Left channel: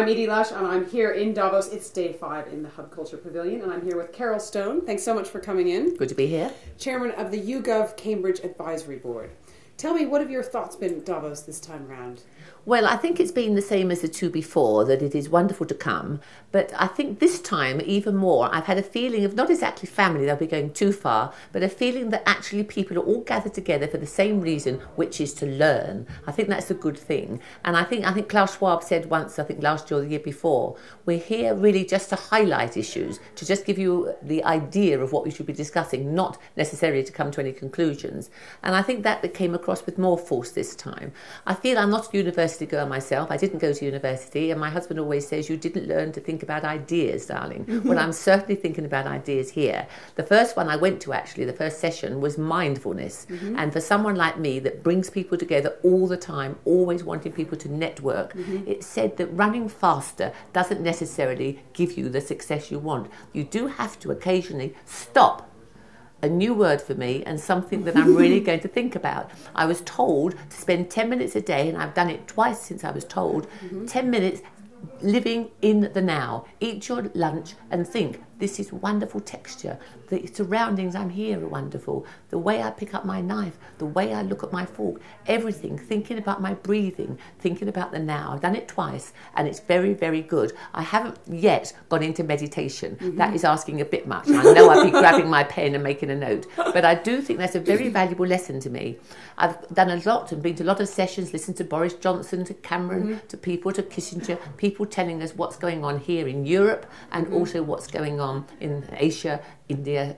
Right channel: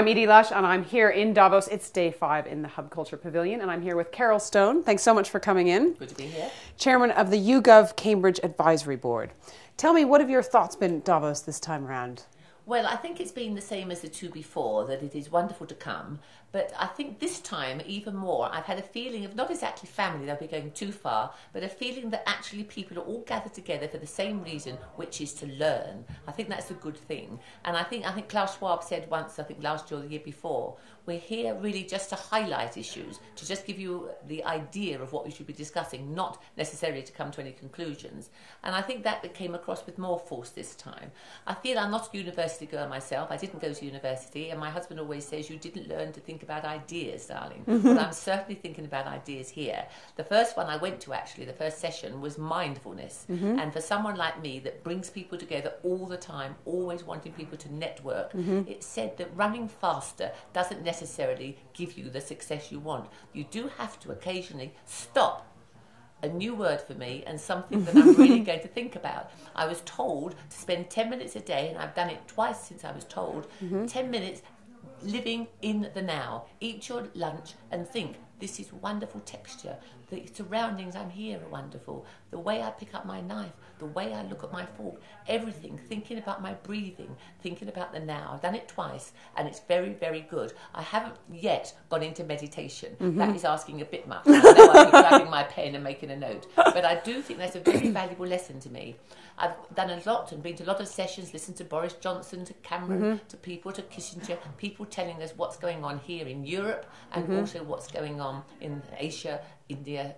I'm Edie Lush, and I'm here in Davos. It's day 5 in the Hub Culture Pavilion, and I'm here with Carole Stone. Thanks so much for coming in. Good to be here. Chairman of the YouGov Cambridge Advisory Board. Tell me, what have your thoughts been at Davos this time around? Well, I think it's been the same as the two before, that it is wonderful to come. But I think this time, even more, I've had a feeling of not exactly family, they'll be going too far, but a feeling that actually people are all gathered together for the same reason, which is to learn. I think that's a good thing. And I think Klaus Schwab said once, I think last year or the year before, we're here really just to highlight issues, to just give you the idea of what we should be discussing, not necessarily to come to any conclusions. And I think that came across with more force this time. I feel I'm not a university girl myself. I didn't go to university, and my husband always says, you didn't learn to think about ideas, darling. Well, I'm certainly thinking about ideas here. The first one I went to, actually, the first session, was mindfulness. And for someone like me that brings people together all the time, always wanting people to network, it said that running faster doesn't necessarily give you the success you want. You do have to occasionally stop. A new word for me, and something that I'm really going to think about. I was told to spend 10 minutes a day, and I've done it twice since I was told, 10 minutes living in the now. Eat your lunch and think, this is wonderful texture. The surroundings I'm here are wonderful. The way I pick up my knife, the way I look at my fork, everything, thinking about my breathing, thinking about the now. I've done it twice, and it's very, very good. I haven't yet gone into meditation. That is asking a bit much. I know I'll be grabbing my pen and making a note, but I do think that's a very valuable lesson to me. I've done a lot and been to a lot of sessions, listened to Boris Johnson, to Cameron, to people, to Kissinger, people telling us what's going on here in Europe and also what's going on in Asia, India,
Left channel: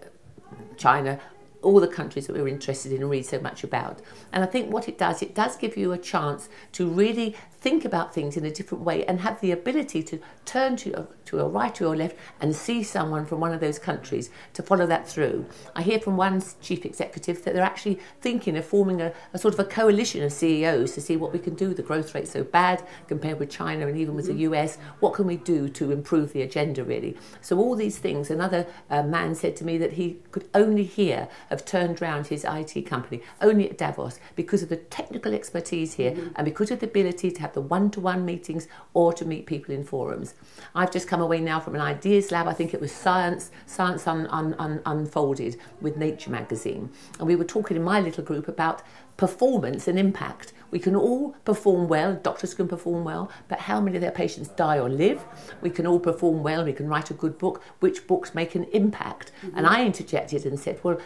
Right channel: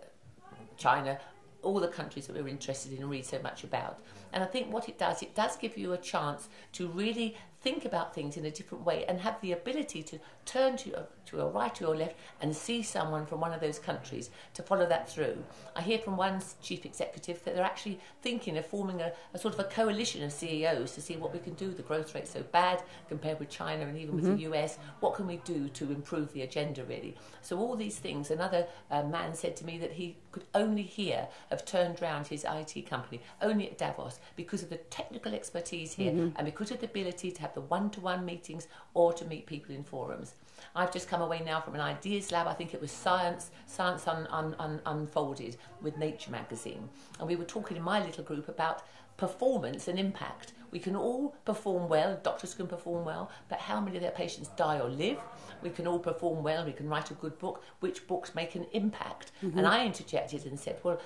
China, all the countries that we're interested in and read so much about. And I think what it does give you a chance to really think about things in a different way and have the ability to turn to your right or your left and see someone from one of those countries to follow that through. I hear from one chief executive that they're actually thinking of forming a sort of a coalition of CEOs to see what we can do. The growth rate's so bad compared with China and even with the US. What can we do to improve the agenda, really? So all these things. Another man said to me that he could only hear have turned around his IT company only at Davos because of the technical expertise here and because of the ability to have the one-to-one meetings or to meet people in forums. I've just come away now from an ideas lab. I think it was Science Unfolded with Nature magazine. And we were talking in my little group about performance and impact. We can all perform well, doctors can perform well, but how many of their patients die or live? We can all perform well, we can write a good book. Which books make an impact? And I interjected and said, well,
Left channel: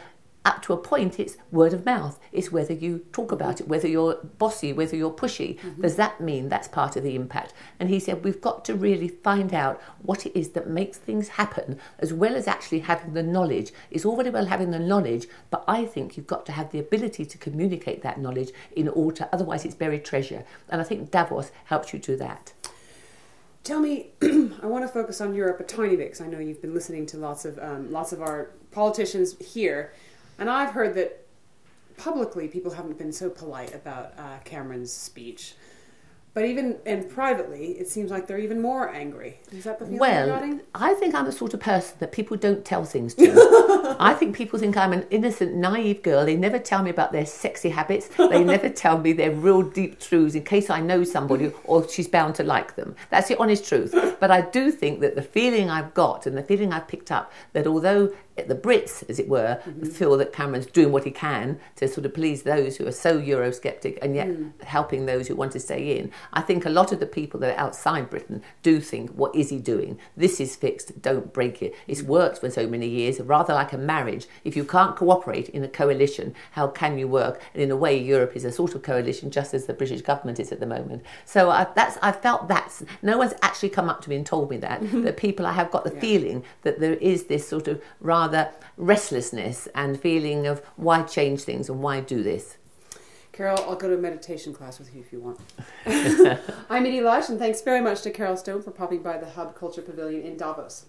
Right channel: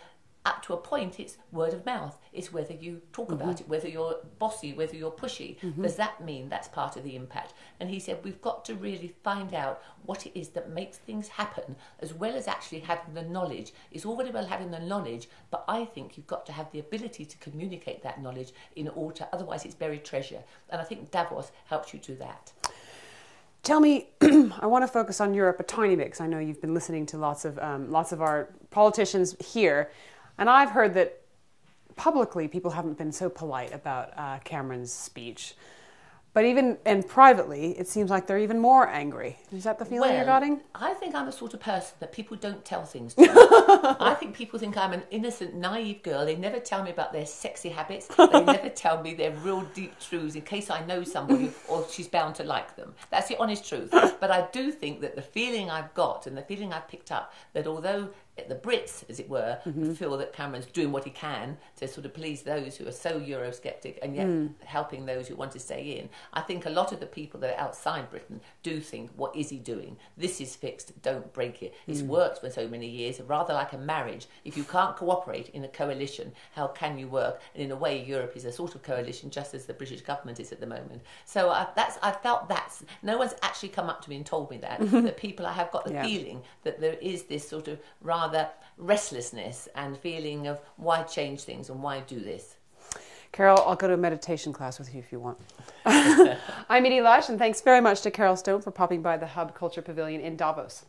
up to a point, it's word of mouth. It's whether you talk about it, whether you're bossy, whether you're pushy. Does that mean that's part of the impact? And he said, we've got to really find out what it is that makes things happen, as well as actually having the knowledge. It's all very well having the knowledge, but I think you've got to have the ability to communicate that knowledge in order, otherwise it's buried treasure. And I think Davos helps you do that. Tell me, I want to focus on Europe a tiny bit, because I know you've been listening to lots of our politicians here. And I've heard that publicly people haven't been so polite about Cameron's speech. But even, and privately, it seems like they're even more angry. Is that the feeling you're getting? I think I'm the sort of person that people don't tell things to. I think people think I'm an innocent, naive girl. They never tell me about their sexy habits. They never tell me their real deep truths in case I know somebody or she's bound to like them. That's the honest truth. But I do think that the feeling I've got and the feeling I've picked up, that although the Brits, as it were, feel that Cameron's doing what he can to sort of please those who are so Eurosceptic and yet helping those who want to stay in. I think a lot of the people that are outside Britain do think, what is he doing? This is fixed, don't break it. It's worked for so many years, rather like a marriage. If you can't cooperate in a coalition, how can you work? And in a way, Europe is a sort of coalition, just as the British government is at the moment. So I felt that's, no one's actually come up to me and told me that, that people, I have got the feeling that there is this sort of rather restlessness and feeling of why change things and why do this. Carole, I'll go to a meditation class with you if you want. I'm Edie Lush, and thanks very much to Carole Stone for popping by the Hub Culture Pavilion in Davos.